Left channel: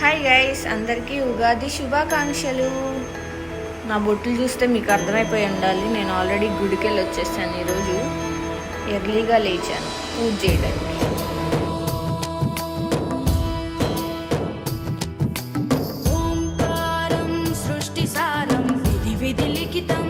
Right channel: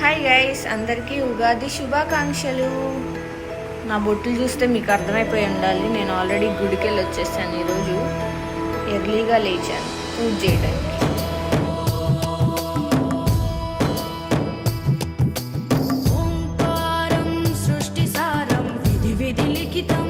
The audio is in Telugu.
హాయ్ గైస్, అందరికీ ఉగాది శుభాకాంక్షలు. నా బొట్టులు చూస్తే మీకు అర్థమైపోయి ఉండాలి, నేను ఆల్రెడీ గుడికి వెళ్ళి వచ్చేసాను. ఈరోజు ఎర్లీగా లేచాను పూజ చేయడానికి. ఓంకారం సృష్టి సారం విధి విధి లిఖితం